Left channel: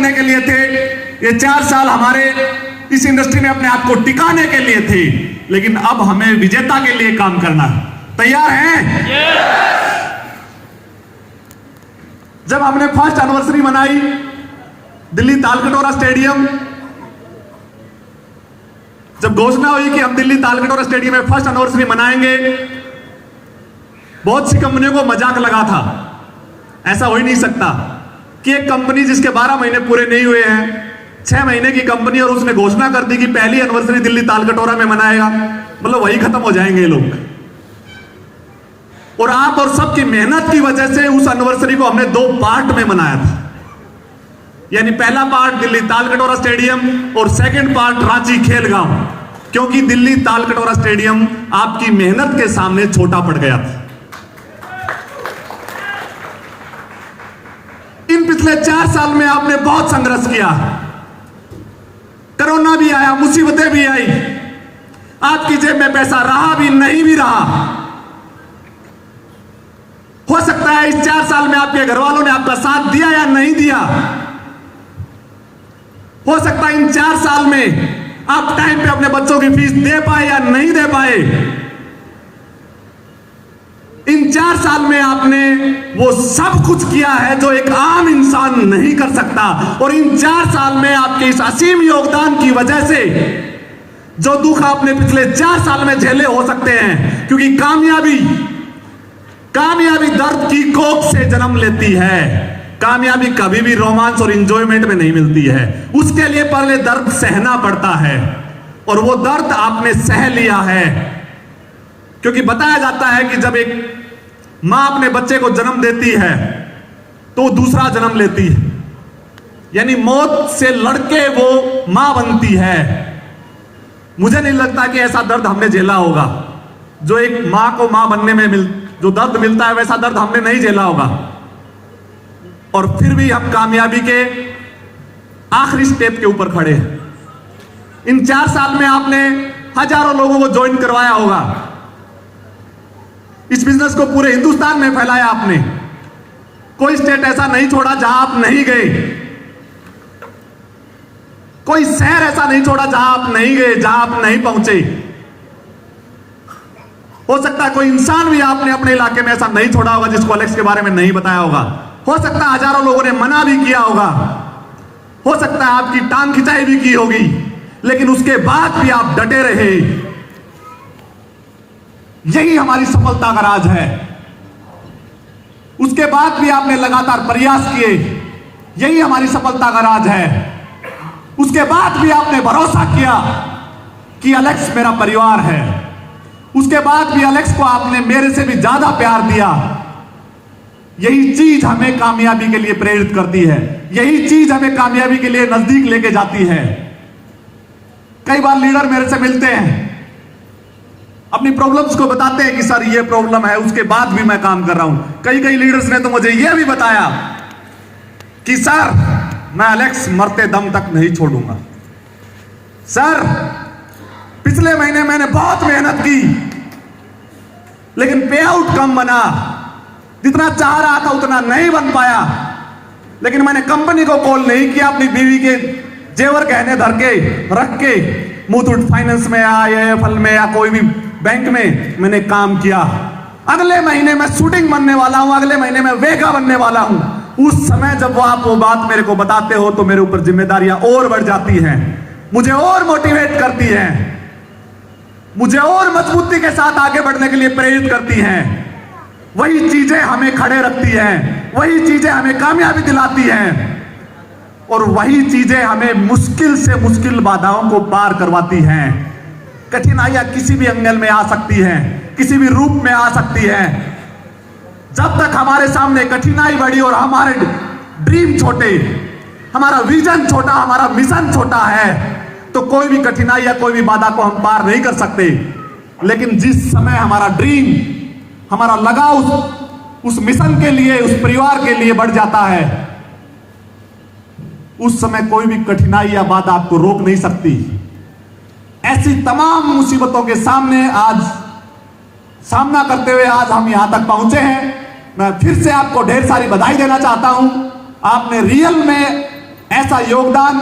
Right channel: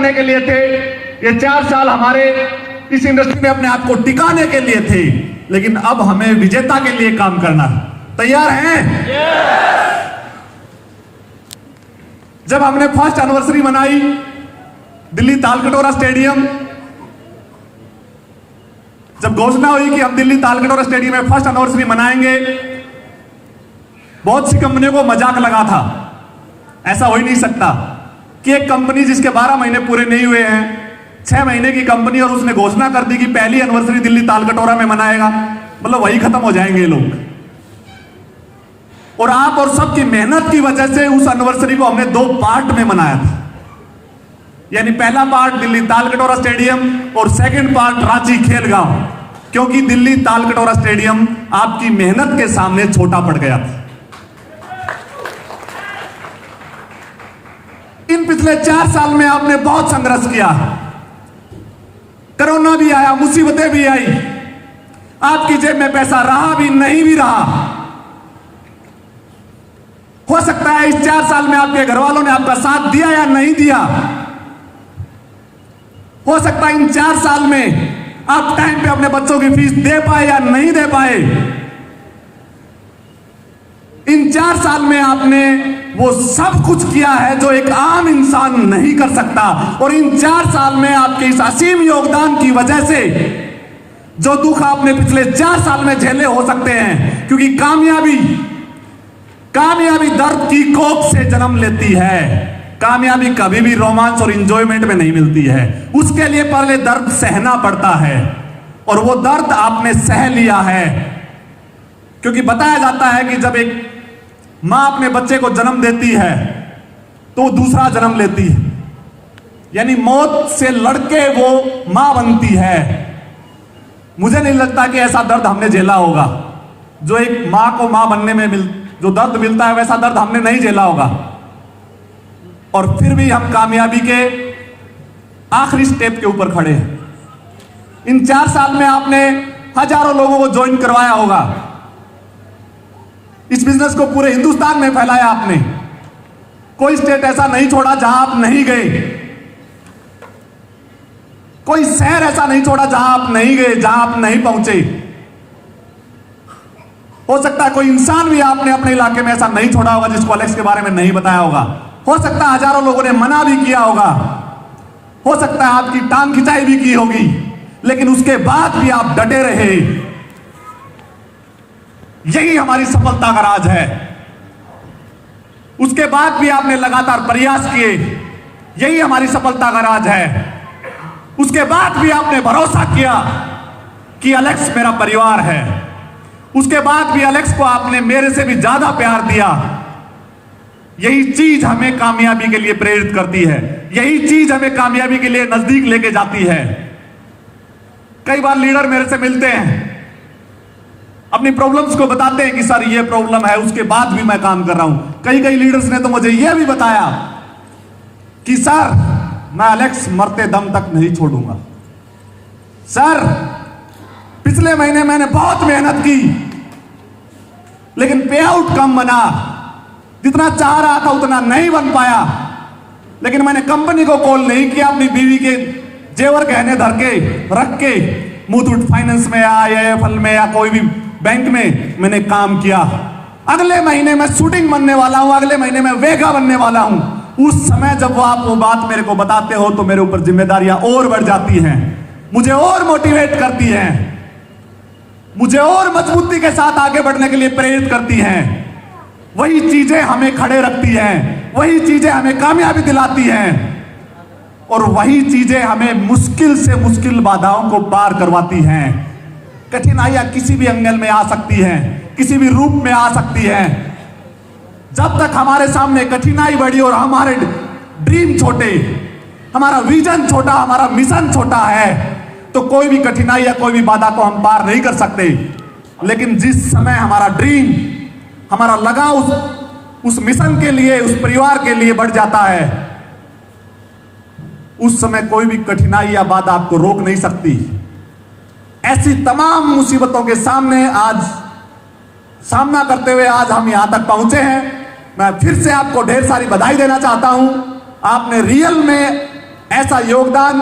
करने के लिए थे, ये 4 साल हमारे इस इंडस्ट्री में अपने आप को टिकाने के लिए थे, लेकिन अब हमें विजेता के लिए काम करना है। तैयार हैं? जब हमने फर्स्ट एनिवर्सरी मनाई दिल्ली तालकटोरा स्टेडियम, जब घोषणा हुई कि हम दिल्ली तालकटोरा स्टेडियम में फर्स्ट एनिवर्सरी मनाएंगे, बहुत सी कंपनियों को मजाक लगा था, ऐसा हो ही नहीं सकता कि एक कंपनी जिसके 12 महीने पूरे नहीं हुए हैं, 6 महीने की कंपनी, और उसने घोषणा कर दी कि पहली एनिवर्सरी दिल्ली तालकटोरा में मनाएगा, मतलब वही खत्म हो जाएंगे ये लोग। और आप और सबकी मेहनत की वजह से उस एनिवर्सरी को हमने 2 पार्ट में मनाया था, यानी पहला पार्ट दिल्ली तालकटोरा स्टेडियम और सेकंड पार्ट रांची खेलगांव, क्योंकि दिल्ली तालकटोरा स्टेडियम आपकी मेहनत के सामने छोटा पड़ गया था। इन पिछले 4 साल में आपने बहुत संघर्ष किया, कोरोना भी आया, मुसीबतें भी आई, आपकी जेब में पैसा रहा भी नहीं भी रहा। हो सकता है इस 4 साल में आपके घर वालों ने आपका साथ दिया या नहीं दिया, हो सकता है इन 4 साल में आप टाइम पे अपने बच्चों की फीस दे पाए या नहीं दे पाए। इन 4 साल में आपने वो सब कुछ किया है जो एक आम इंसान नहीं कर सकता, और इन 4 साल में आपके इस असीम योगदान की वजह से जो दुख आपने पिछले 4 साल में झेले हो सकते हैं, क्योंकि कामयाबी दर्द की कोख से जन्म लेती है। कामयाबी कभी भी रोमांस और इंजॉयमेंट में नहीं मिलती है, उसके लिए पहले दर्द सहना पड़ता है, और वो दर्द आपने सह लिया है। क्योंकि बताया जाता है कि जब एक मां अपने बच्चे को जन्म देती है तो दूसरा जन्म लेती है, यानी मौत से लड़के वो मां बनती है। मुझे नहीं लगता कि ऐसा दर्द हमने झेला होगा जो एक मां को मां बनने में जो दर्द मिलता है, वैसा दर्द हमने नहीं झेला होगा। और फिर भी हम कामयाबी के आखिरी स्टेप के ऊपर खड़े हैं। इन 4 साल में आपने हजारों लोगों को ज्वाइन करवाया होगा, इस बिजनेस को पूरे हिंदुस्तान में फैलाया आपने, कोई स्टेट ऐसा नहीं छोड़ा जहां आप नहीं गए, कोई शहर ऐसा नहीं छोड़ा जहां आप नहीं गए, जहां आप नहीं पहुंचे। हो सकता है कोई इंसान भी आपने अपने इलाके में ऐसा नहीं छोड़ा होगा जिसको अलेक्स के बारे में नहीं बताया होगा। हो सकता है हजारों लोगों ने मना भी किया होगा, हो सकता है आपकी टांग खिंचाई भी की होगी, लेकिन उसके बाद भी आप डटे रहे। यही हमारी सफलता का राज है। उसके बाद भी आपने लगातार प्रयास किए, यही हमारी सफलता का राज है। उसके बाद भी आपने भरोसा किया कि अलेक्स मेरा परिवार है। उसके बाद भी अलेक्स को आपने मेरे से भी ज्यादा प्यार दिया। यही चीज हमें कामयाबी के लिए प्रेरित करती है, यही चीज हमें कामयाबी के लिए नजदीक लेके जाती है। कई बार लीडर मेरे से मिलते हैं, अपनी प्रॉब्लम्स को बताते हैं कि सर ये प्रॉब्लम है, उसके बाद भी मैं काम कर रहा हूं। कई लीडर्स ने तो मुझे यह भी बताया कि सर मैं अलेक्स मरते दम तक नहीं छोड़ूंगा। सर पिछले महीने मैंने बहुत मेहनत की, लेकिन पे आउट कम बना, जितना चाह रहा था उतना नहीं बन पाया। लेकिन मैंने कंपनी को कॉल नहीं किया, अपनी बीवी के जेवर गहने धर के रख के मुथूट फाइनेंस में या AIFL में या कोई भी बैंक में मैंने काम किया। अगले महीने में शूटिंग बनने वाला हूं, अगले महीने में वेगा बनने वाला हूं। उस समय जब आप वो बात मेरे को बताते हो तो मेरे ऊपर जिम्मेदारियां और बढ़ जाती हैं, मुझे और मोटिवेट करती हैं, मुझे और मजबूती के साथ आगे बढ़ने के लिए प्रेरित करती हैं। वही चीजें हमें खड़े रखती हैं, वही चीजें हमें कामयाबी दिलाती हैं, और वही चीजें हमें मुश्किल से मुश्किल बाधाओं को पार करवाती हैं। कठिनाइयां किसी भी एंगल में आ सकती हैं, किसी भी रूप में आ सकती हैं। जब तक हमारे सामने कठिनाई बड़ी और हमारे ड्रीम छोटे, हमारा विजन छोटा, हमारा मिशन छोटा है, तो कोई भी कठिनाई या कोई भी बाधा को हम पार नहीं कर सकते। लेकिन जिस समय हमारा ड्रीम, हमारा लगाव उस मिशन के लिए, उस परिवार के लिए बढ़ जाता है, उस समय कोई भी कठिनाई या बाधा आपको रोक नहीं सकती। ऐसी तमाम मुसीबतों के सामने आज सामना करते हुए आज हम यहां तक पहुंचे हैं। मैं फिर से आपको ढेर सारी बधाई देना चाहता हूं। आपने रियल में ऐसा योगदान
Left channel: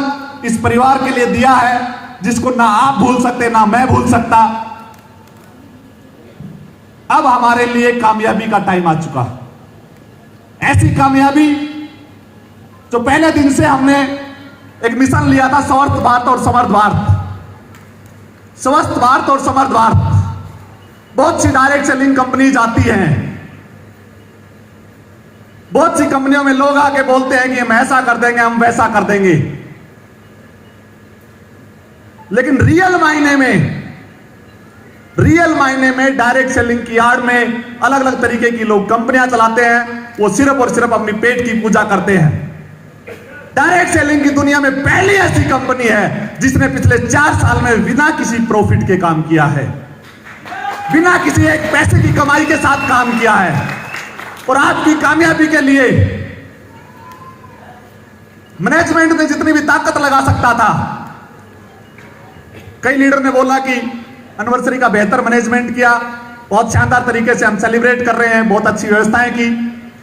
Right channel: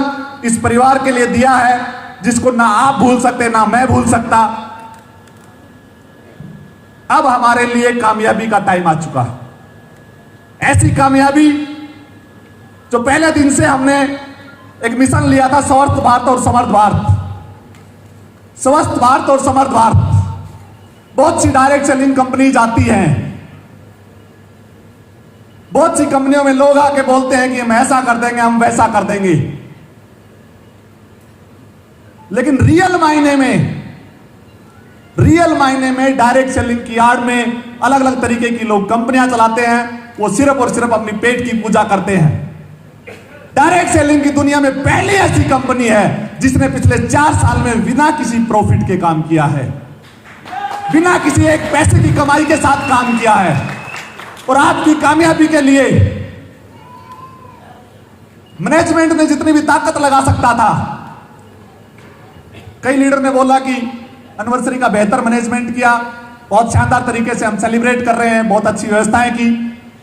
इस परिवार के लिए दिया है जिसको ना आप भूल सकते, ना मैं भूल सकता। अब हमारे लिए कामयाबी का टाइम आ चुका, ऐसी कामयाबी जो पहले दिन से हमने एक मिशन लिया था, स्वस्थ भारत और समर्थ भारत। स्वस्थ भारत और समर्थ भारत। बहुत सी डायरेक्ट सेलिंग कंपनी आती हैं, बहुत सी कंपनियों में लोग आके बोलते हैं कि हम ऐसा कर देंगे, हम वैसा कर देंगे, लेकिन रियल मायने में डायरेक्ट सेलिंग की आड़ में अलग अलग तरीके की लोग कंपनियां चलाते हैं। वो सिर्फ और सिर्फ अपनी पेट की पूजा करते हैं। डायरेक्ट सेलिंग की दुनिया में पहली ऐसी कंपनी है जिसने पिछले 4 साल में बिना किसी प्रॉफिट के काम किया है, बिना किसी एक पैसे की कमाई के साथ काम किया है। और आपकी कामयाबी के लिए मैनेजमेंट ने जितनी भी ताकत लगा सकता था, कई लीडर ने बोला कि एनिवर्सरी का बेहतर मैनेजमेंट किया, बहुत शानदार तरीके से हम सेलिब्रेट कर रहे हैं, बहुत अच्छी व्यवस्थाएं की।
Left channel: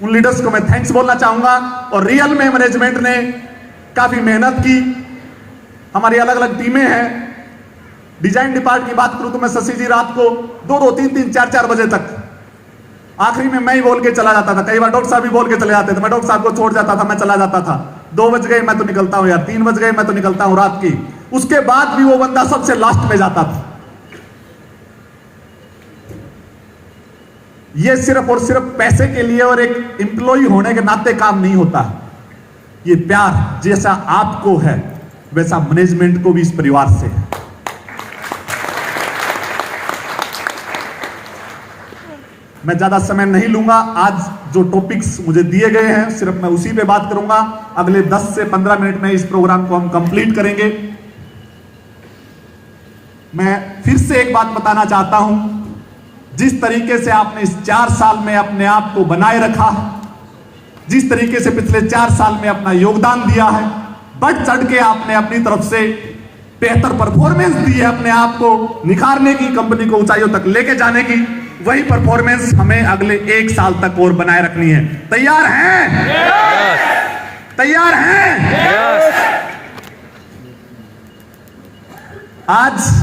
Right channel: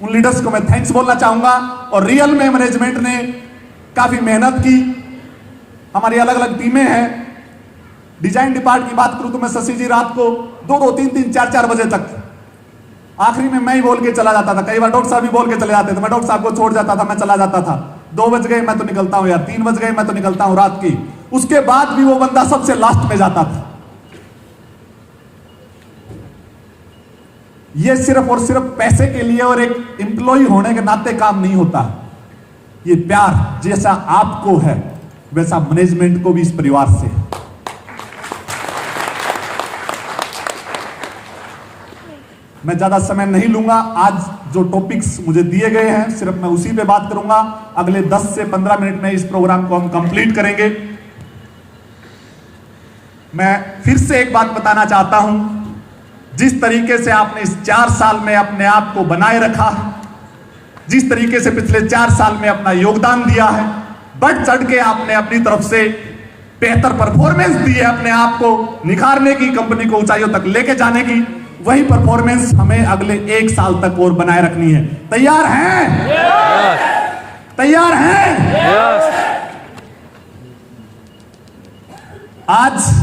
उन लीडर्स को मैं थैंक्स बोलना चाहूंगा। और रियल में मैनेजमेंट ने काफी मेहनत की। हमारी अलग अलग टीमें हैं। डिजाइन डिपार्ट की बात करूं तो मैं शशि जी रात को 2-2, 3-3, 4-4 बजे तक, आखिरी में मैं ही बोल के चला जाता था। कई बार डॉक्टर साहब भी बोल के चले जाते थे, मैं डॉक्टर साहब को छोड़ जाता था, मैं चला जाता था। 2 बज गए मैं तो निकलता हूं यार, 3 बज गए मैं तो निकलता हूं रात की। उसके बाद भी वो बंदा सबसे लास्ट में जाता था। ये सिर्फ और सिर्फ पैसे के लिए और एक एम्प्लॉय होने के नाते काम नहीं होता। ये प्यार जैसा आपको है वैसा मैनेजमेंट को भी इस परिवार से है। मैं ज्यादा समय नहीं लूंगा। आज जो टॉपिक्स मुझे दिए गए हैं सिर्फ मैं उसी पे बात करूंगा। अगले 10 से 15 मिनट में इस प्रोग्राम को हम कंप्लीट करेंगे। मैं फिर से एक बात बताना चाहता हूं, जिस तरीके से आपने इस 4 साल में अपने आप को बनाए रखा, जिस तरीके से पिछले 4 साल में अपना योगदान दिया है, बढ़ चढ़ के आपने अपनी तरफ से बेहतर परफॉर्मेंस दी है, अपने आप को निखारने की, कंपनी को ऊंचाइयों तक लेके जाने की, वही परफॉर्मेंस हमें अगले 1 साल तक और बनाए रखनी है। तैयार हैं? तैयार हैं? आज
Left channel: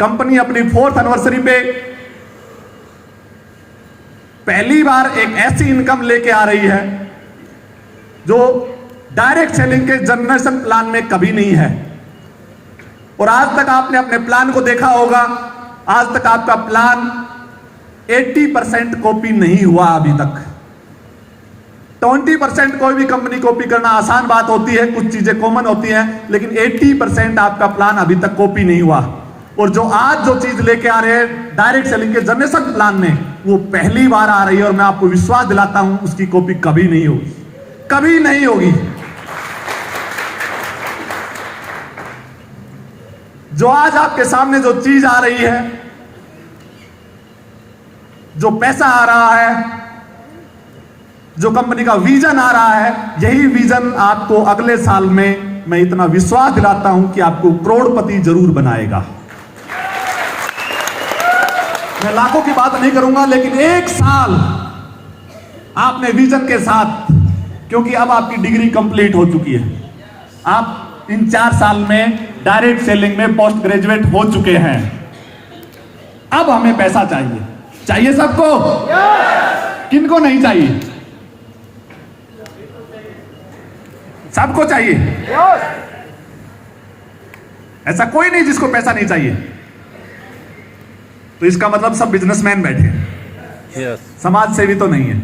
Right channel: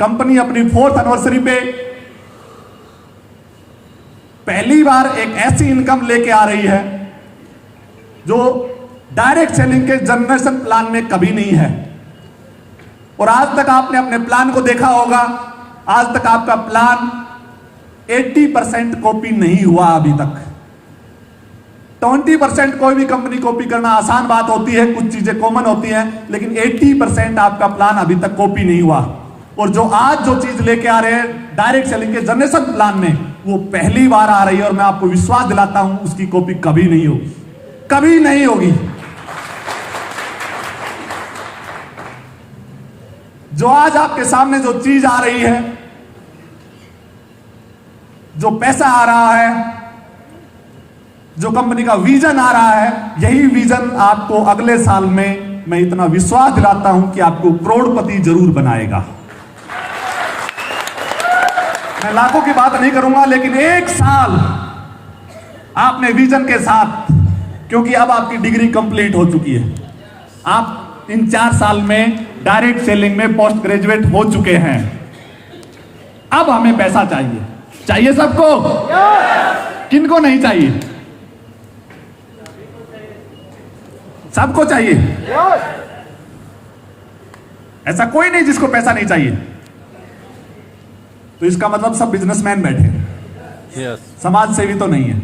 कंपनी अपनी 4th एनिवर्सरी पे पहली बार एक ऐसी इनकम लेके आ रही है जो डायरेक्ट सेलिंग के जनरेशन प्लान में कभी नहीं है। और आज तक आपने अपने प्लान को देखा होगा, आज तक आपका प्लान 80% कॉपी नहीं हुआ अभी तक। 20% कोई भी कंपनी कॉपी करना आसान बात होती है, कुछ चीजें कॉमन होती हैं, लेकिन 80% आपका प्लान अभी तक कॉपी नहीं हुआ। और जो आज जो चीज लेके आ रहे हैं डायरेक्ट सेलिंग के जनरेशन प्लान में, वो पहली बार आ रही है। और मैं आपको विश्वास दिलाता हूं उसकी कॉपी कभी नहीं होगी, कभी नहीं होगी। जो आज आपके सामने जो चीज आ रही है, जो पैसा आ रहा है, जो कंपनी का विजन आ रहा है, यही विजन आपको अगले साल में, मैं इतना विश्वास दिलाता हूं कि आपको करोड़पति जरूर बनाएगा। मैं लाखों की बात नहीं करूंगा, लेकिन 1 साल आपने विजन के साथ, क्योंकि अब आपकी डिग्री कंप्लीट हो चुकी है, आप इन 4 साल में डायरेक्ट सेलिंग में पोस्ट ग्रेजुएट हो चुके हैं। अब हमें पैसा चाहिए। चाहिए सबको? किनको नहीं चाहिए? सबको चाहिए। ऐसा कोई नहीं जिसको पैसा नहीं चाहिए। तो इसका मतलब सब बिजनेसमैन बैठे हैं, समाज सेवी तो नहीं है।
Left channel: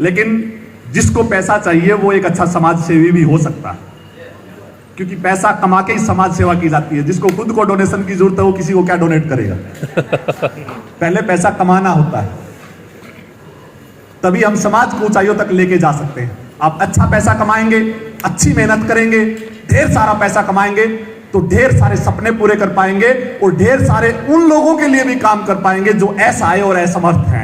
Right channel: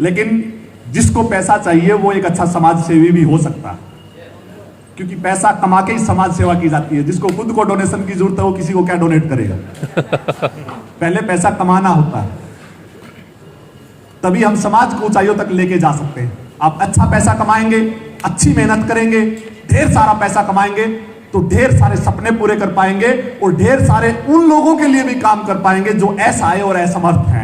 लेकिन जिसको पैसा चाहिए वो एक अच्छा समाज सेवी भी हो सकता है, क्योंकि पैसा कमा के ही समाज सेवा की जाती है। जिसको खुद को डोनेशन की जरूरत है वो किसी को क्या डोनेट करेगा? पहले पैसा कमाना होता है, तभी हम समाज को ऊंचाइयों तक लेके जा सकते हैं। आप अच्छा पैसा कमाएंगे, अच्छी मेहनत करेंगे, ढेर सारा पैसा कमाएंगे तो ढेर सारे सपने पूरे कर पाएंगे और ढेर सारे उन लोगों के लिए भी काम कर पाएंगे जो असहाय और असमर्थ हैं।